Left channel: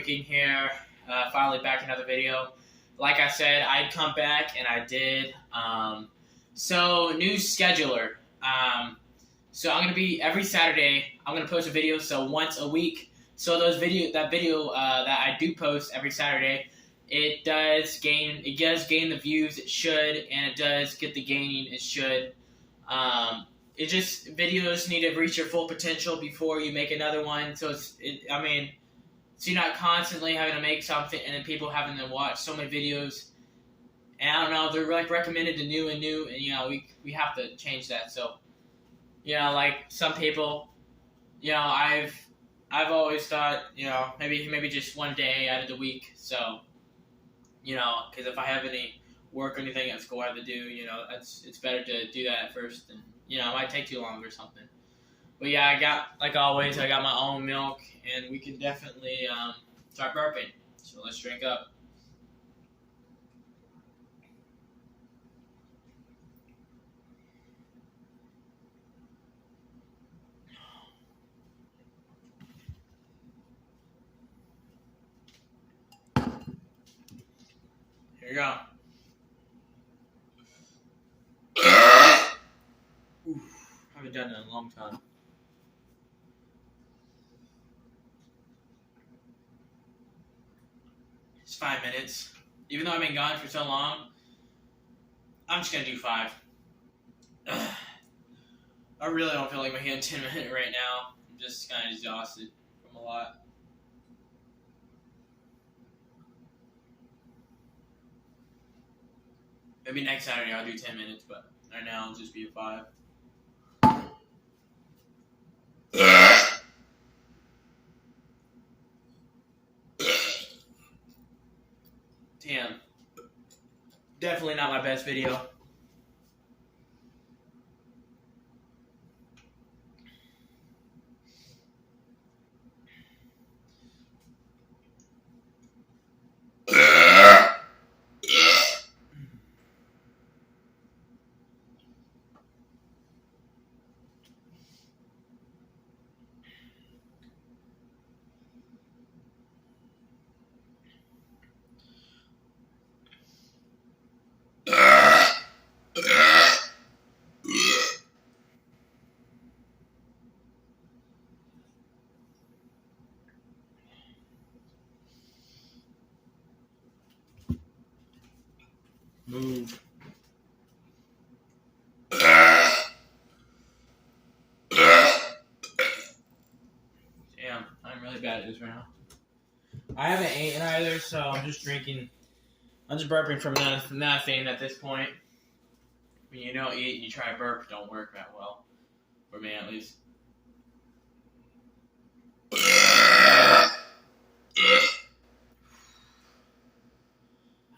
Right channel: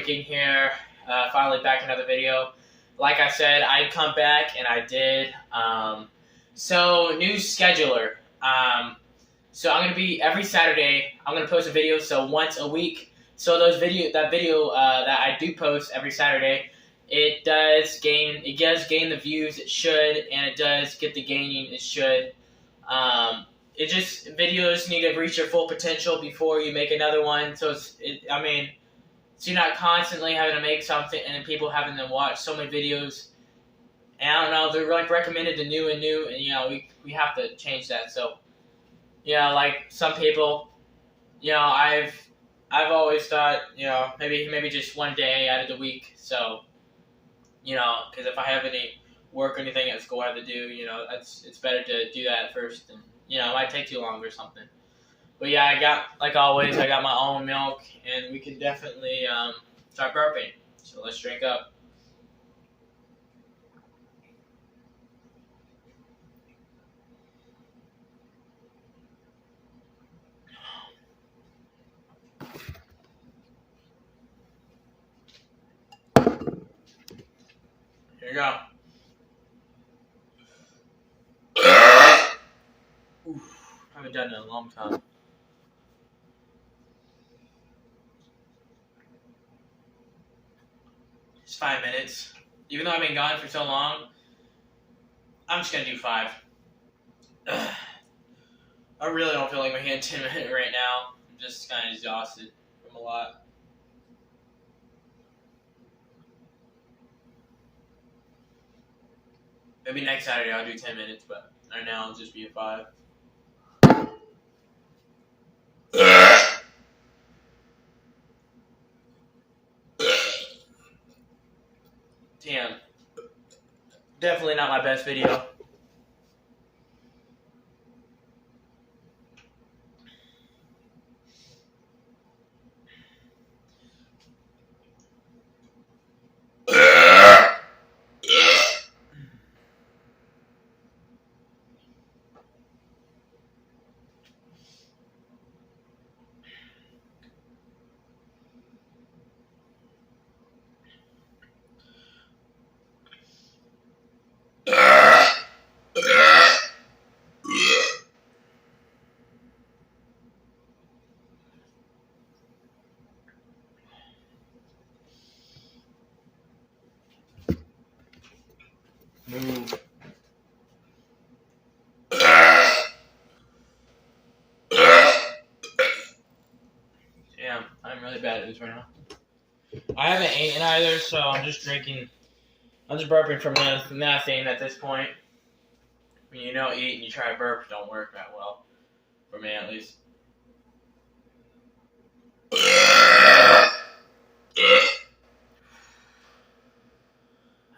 Burping here, finally back another video. Like I said, I'd come back, and I did. So new scheduler. So I'm gonna be every Saturday. I'm gonna post a video, so once a week. So that video that I do post every Saturday, it does gain the views it should, and it does get the gaining it should. Videos need to reach their full potential before you make another one. So so you're not constantly having to make something and then people having to watch so many videos. And I don't know, they're like recommended to new, and we have to change that. So like some people, I've always thought, maybe just one day out of the week. So because if I have any work or anything at school I have to do, it's better to do that first, and it might take too long or something. But yeah, like always, I got my own milk, and we can definitely start burping. So let's drink up. Here you go. Oof, haven't done it in a long time. It's 5 minutes. Even though I've been gone for so long, I'm just gonna do 5. I really don't feel like my hand 10 minutes right now. I'm just kind of exhausted from a lot. Maybe next Saturday I'll do 10 minutes, but right now I'll just be at 5. Damn. Definitely not my best video. Move. Damn, I'm really bad at this right now. I haven't eaten either, so I'm just drinking. I'm just burping from nothing at this point. When you don't eat and you try to burp, it don't work that well. For me, at least.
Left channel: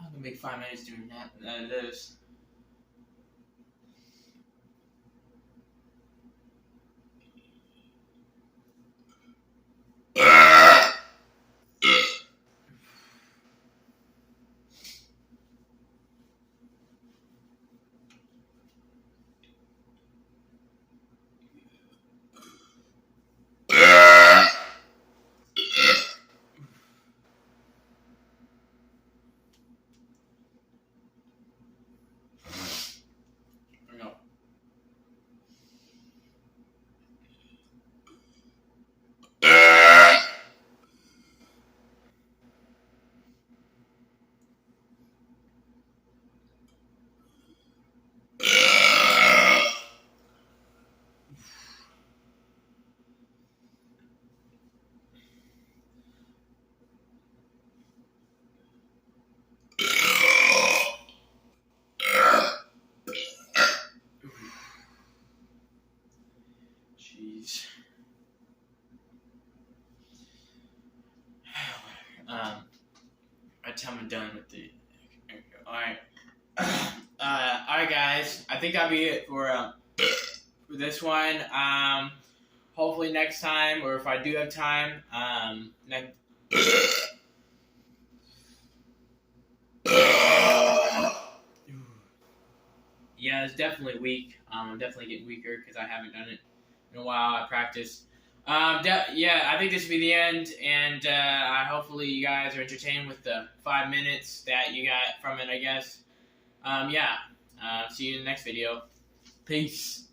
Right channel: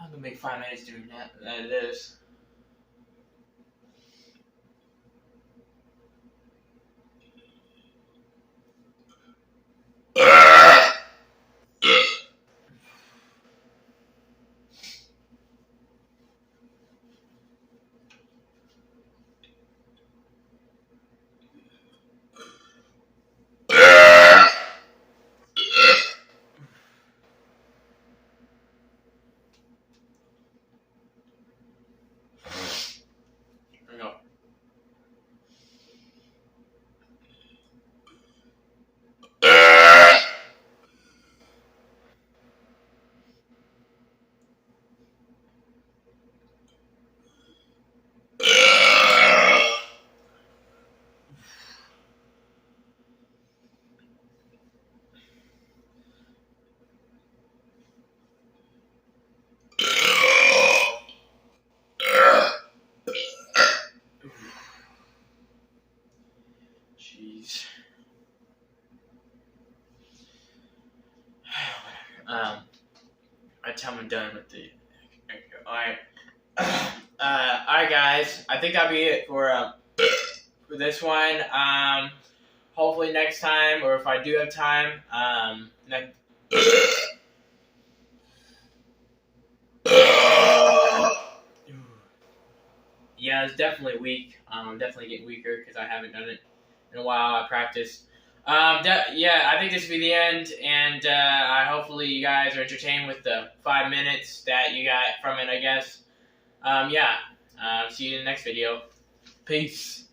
I'm gonna make 5 minutes doing this. Jeez. I tell I'm done with the. Alright. Alright, guys. I think that'll be it for this one. Hopefully next time, or if I do have time, yeah, it's definitely weak. I'm definitely getting weaker because I haven't done it in a while. I practiced Yeah, I think this will be the end, and hopefully you guys are entertained with the 5 minutes that you got from it, I guess. Yeah, see you in the next video. Peace.